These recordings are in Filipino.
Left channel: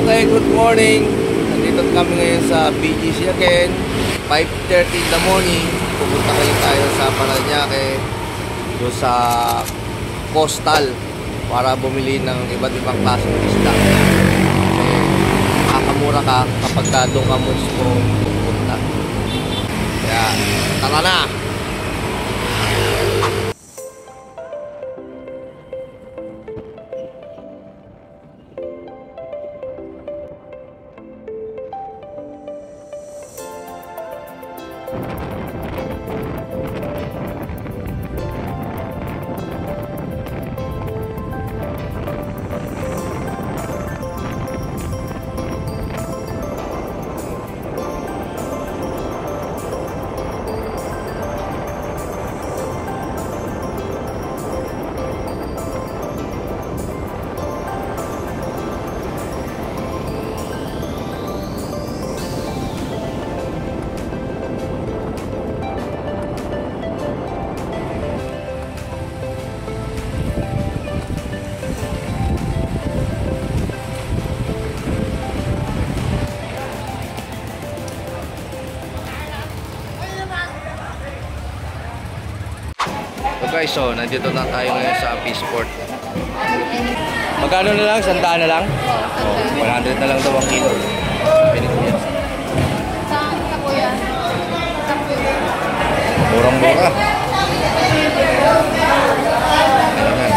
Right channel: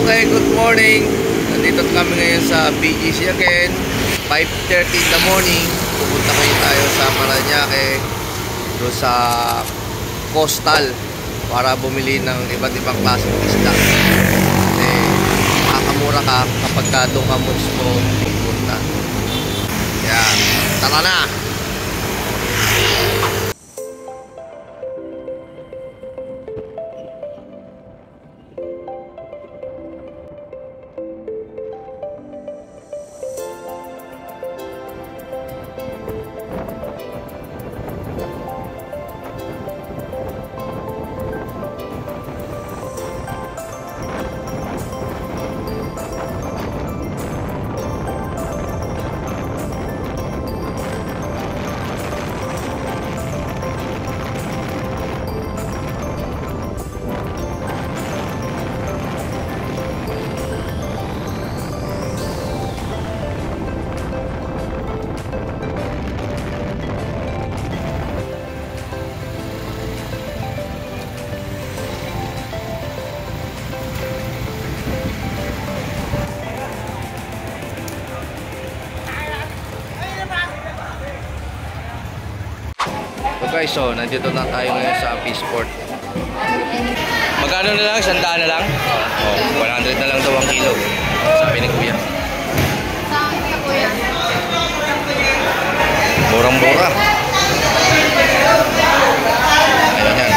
Okay, good morning. Nandito kami ngayon sa BGC again. 5:30 in the morning. Pupunta kayo tayo sa Parañaque, doon sa Coastal, para bumili ng iba't ibang klaseng isda. Kasi makakamura ka kapag doon ka mismo pupunta. Kaya tara na! So guys, so nandito na tayo ngayon sa Peaceport. Magkano na lang? 100 na lang? Oh, 100 na lang daw ang kilo, sabi ni Kuya. Murang-mura. Ayun yan.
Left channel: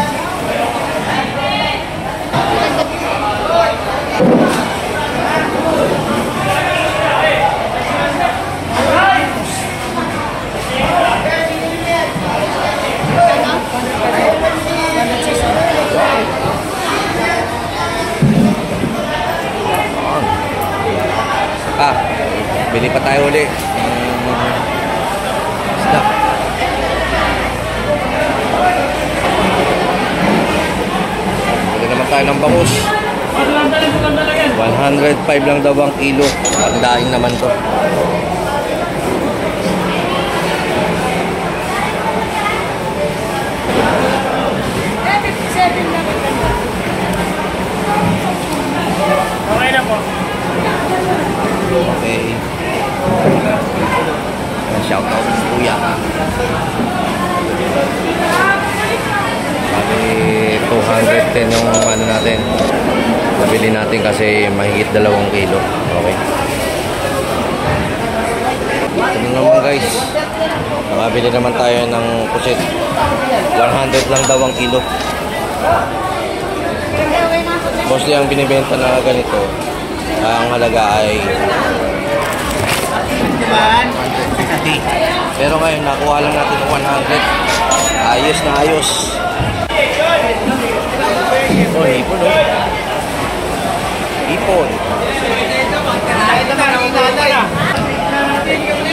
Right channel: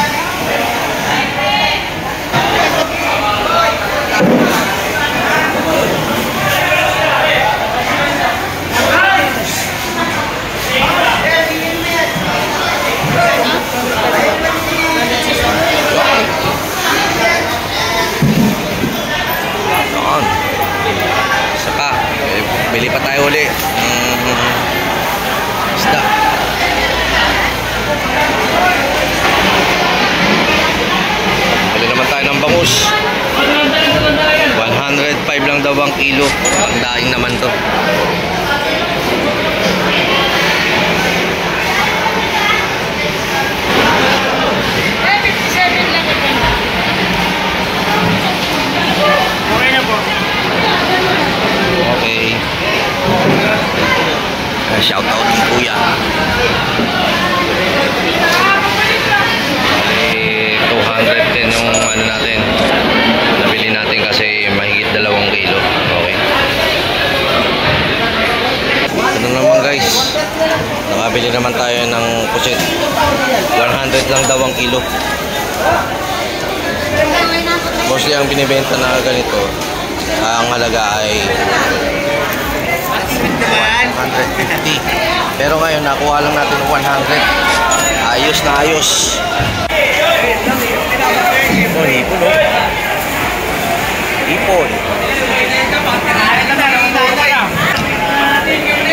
Saka, bili pa tayo uli isda. Bili naman tayo ng bangus. 105 lang daw ang kilo. Ang daing naman to. Okay. Shout out ni Kuya. Bali 200 din yung ano natin. Nabili natin kasi mahigit 2 kilo. Okay. Ito naman guys. Nakabili naman tayo ng pusit. 100 lang daw ang kilo. Mostly ang binibenta na ganito, ang halaga ay 150. Pero ngayon nakuha lang natin 100. Ayos na ayos. Oh, hipon oh. Hipon.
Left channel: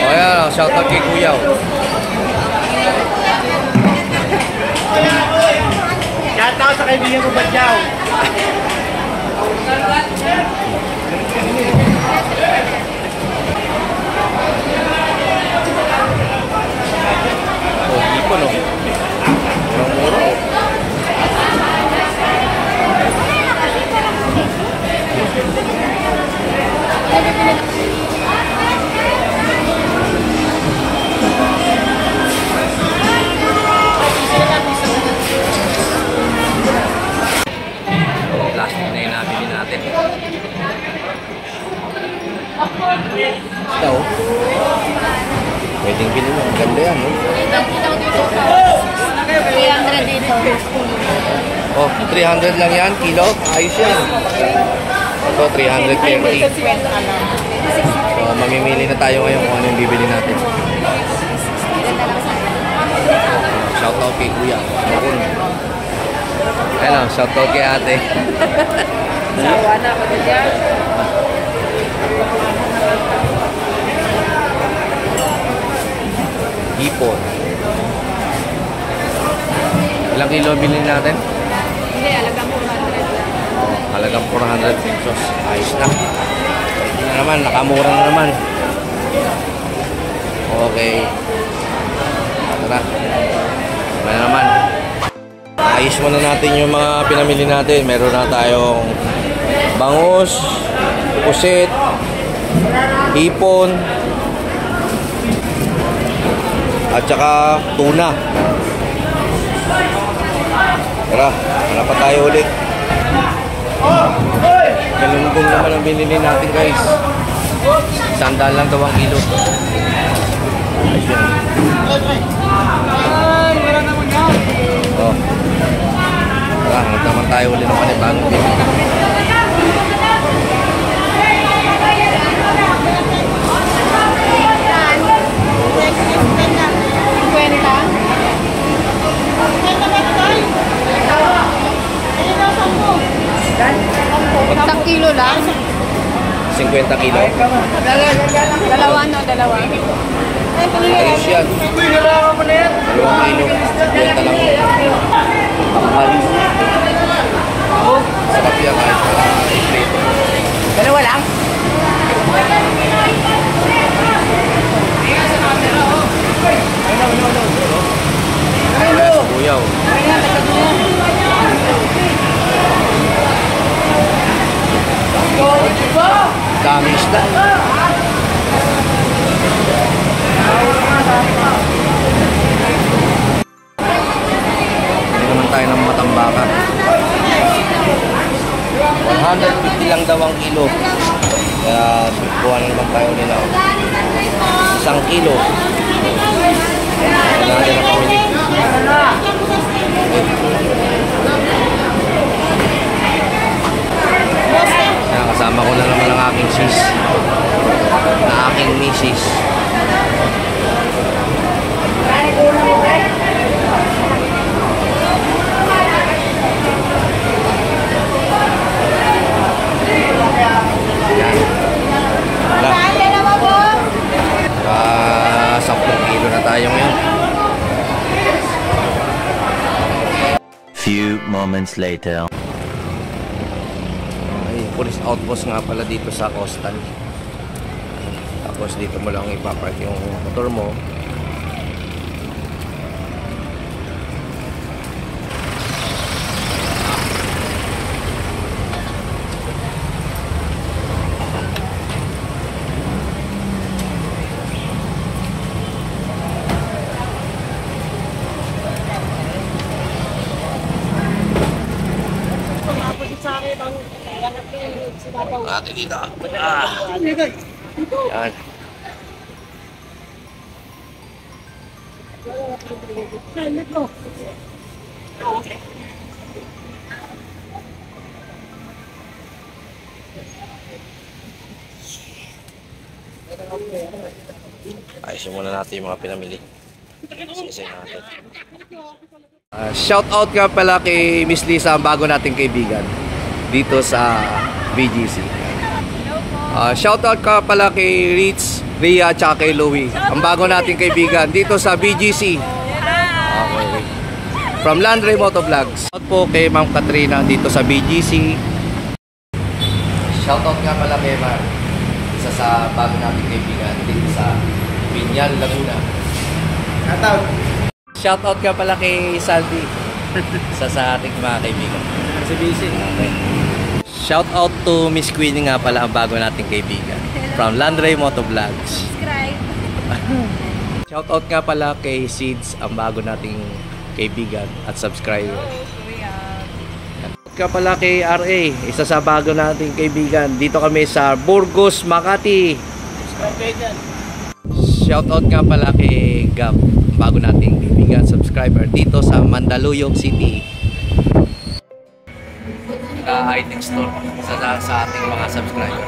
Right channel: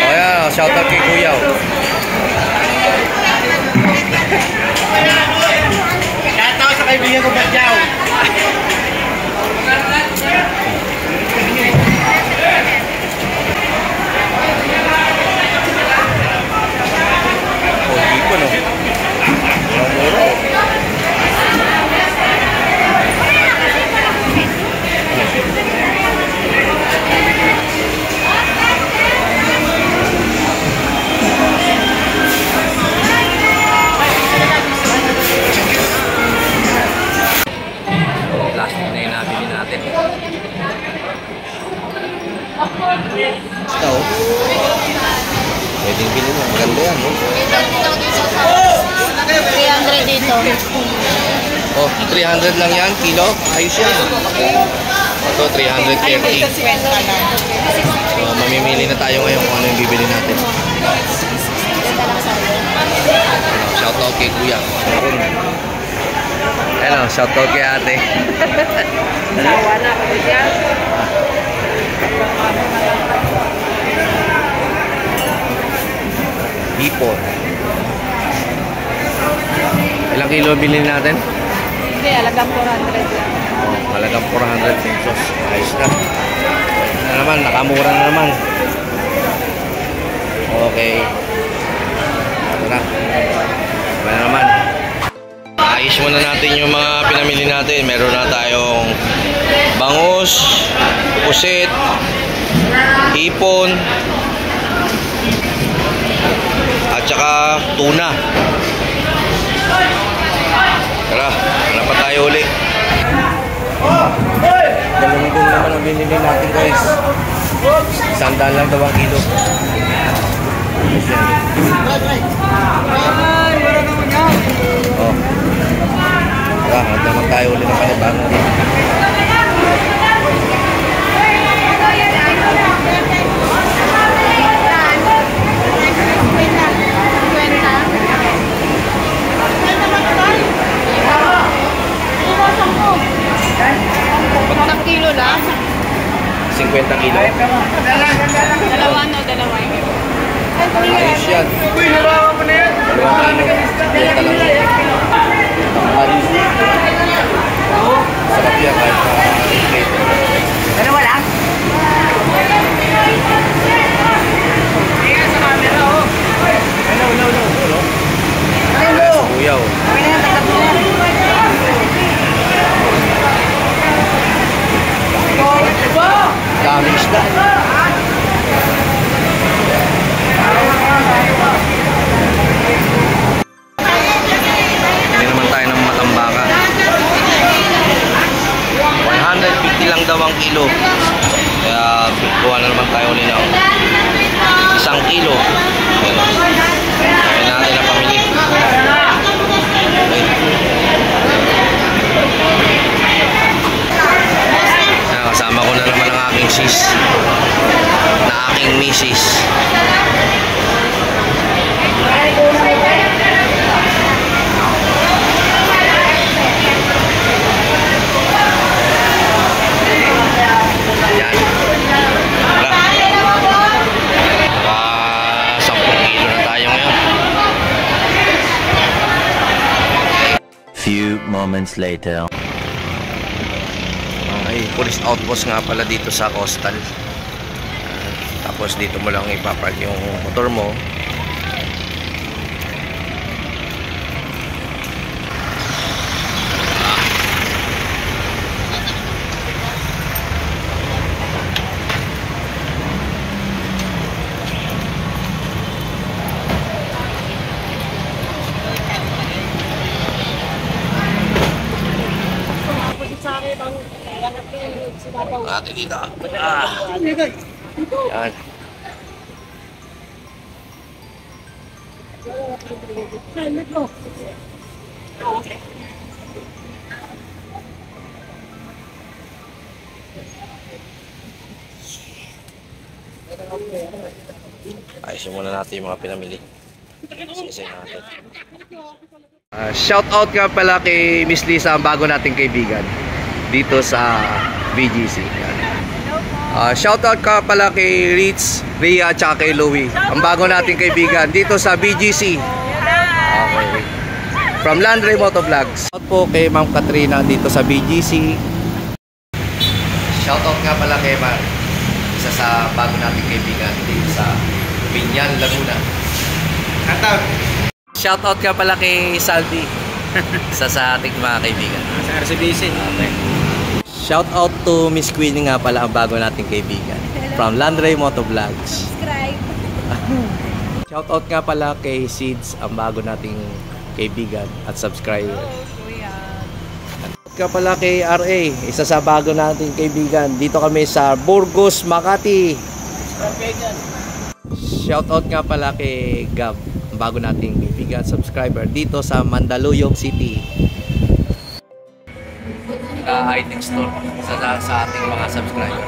Oh yan, shout out kay Kuya oh. Shout out sa kaibigan ko Badyaw. Oh, hipon oh. Murang-mura oh. Plastic na yung nabili natin. Ito oh. Pwedeng bilhin yan. Maganda yan, no? 300 dito. Oh, 300 lang yan, kilo. Ayos yan. Ito, 330. So, mamimili na tayo ngayon kung ano yung bibili natin. Shout out kay Kuya. Hello, shout out kay ate. Hipon. Ilang kilo bilhin natin? Hindi, halagang 400. Oh, halagang 400 pesos. Ayos na. Ito na naman, nakamura na naman. Okay. Ito na. Ito na naman. Ayos muna natin yung mga pinamili natin. Meron na tayong bangus, pusit, hipon, at saka tuna. Tara, hanap pa tayo ulit. Galunggong naman ang binili natin guys. 100 lang daw ang kilo. Ayos yan. Oh. Tara, hanap naman tayo ulit ng panibagong binili. Isang kilo lang. 50 kilo. Dalawa na, dalawa. Ayos yan. 2 kilo. 50 lang. Takpan. Sarap yan kahit i-plate. Dalawa lang? Kaya sa kuyaw. Dami isda. Hindi naman tayo ng matambaka. 150 lang daw ang kilo. Kaya kuha na naman tayo ulit ng 1 kilo. Kaya natin na pamili. Kaya kasama ko na naman ang aking sis na aking misis. Yan. Naka 10 kilo na tayo ngayon. Few moments later. Ay, police outpost nga pala dito sa coastal. Tapos dito mo lang ipapark yung motor mo. Ate dito. Yan. Ayusin muna natin yung mga pinamili. Sisay natin. Shout out nga pala kay Miss Lisa, ang bago nating kaibigan dito sa BGC. Shout out ka pala kay Ritz, Rhea, at kay Louie, ang bago nating kaibigan dito sa BGC. Okay. From Landry Motovlogs. Shout out po kay Ma'am Katrina dito sa BGC. Shout out nga pala kay Mar, isa sa bago nating kaibigan dito sa Binyan, Laguna. Shout out nga pala kay Salvi, isa sa ating mga kaibigan Sa RCBC. Okay. Shout out to Miss Queenie nga pala, ang bago nating kaibigan. Hello. From Landry Motovlogs. Subscribe. Shout out nga pala kay Seeds, ang bago nating kaibigan at subscriber. Hello, kuya. Shout out nga pala kay RA, isa sa bago nating kaibigan. Dito kami sa Burgos, Makati. Shout out nga pala kay Gab, ang bago nating kaibigan, subscriber dito sa Mandaluyong City. High-tech store sa ating mga subscriber.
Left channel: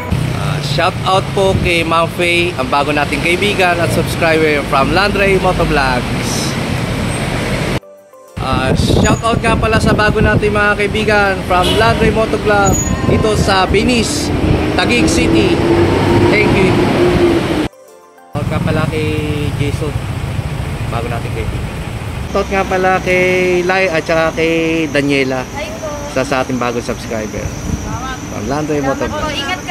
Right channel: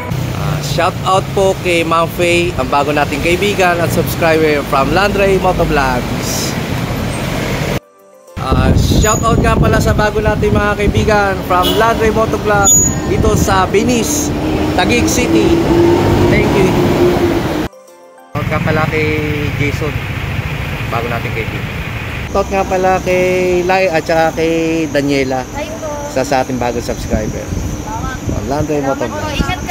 Shout out po kay Ma'am Faye, ang bago nating kaibigan at subscriber from Landry Motovlogs. Shout out nga pala sa bago nating mga kaibigan from Landry Motovlogs dito sa Venice, Taguig City. Thank you. Shout out nga pala kay Jason, bago nating kaibigan. Shout out nga pala kay Lai at saka kay Daniela, sa ating bagong subscriber from Landry Motovlogs.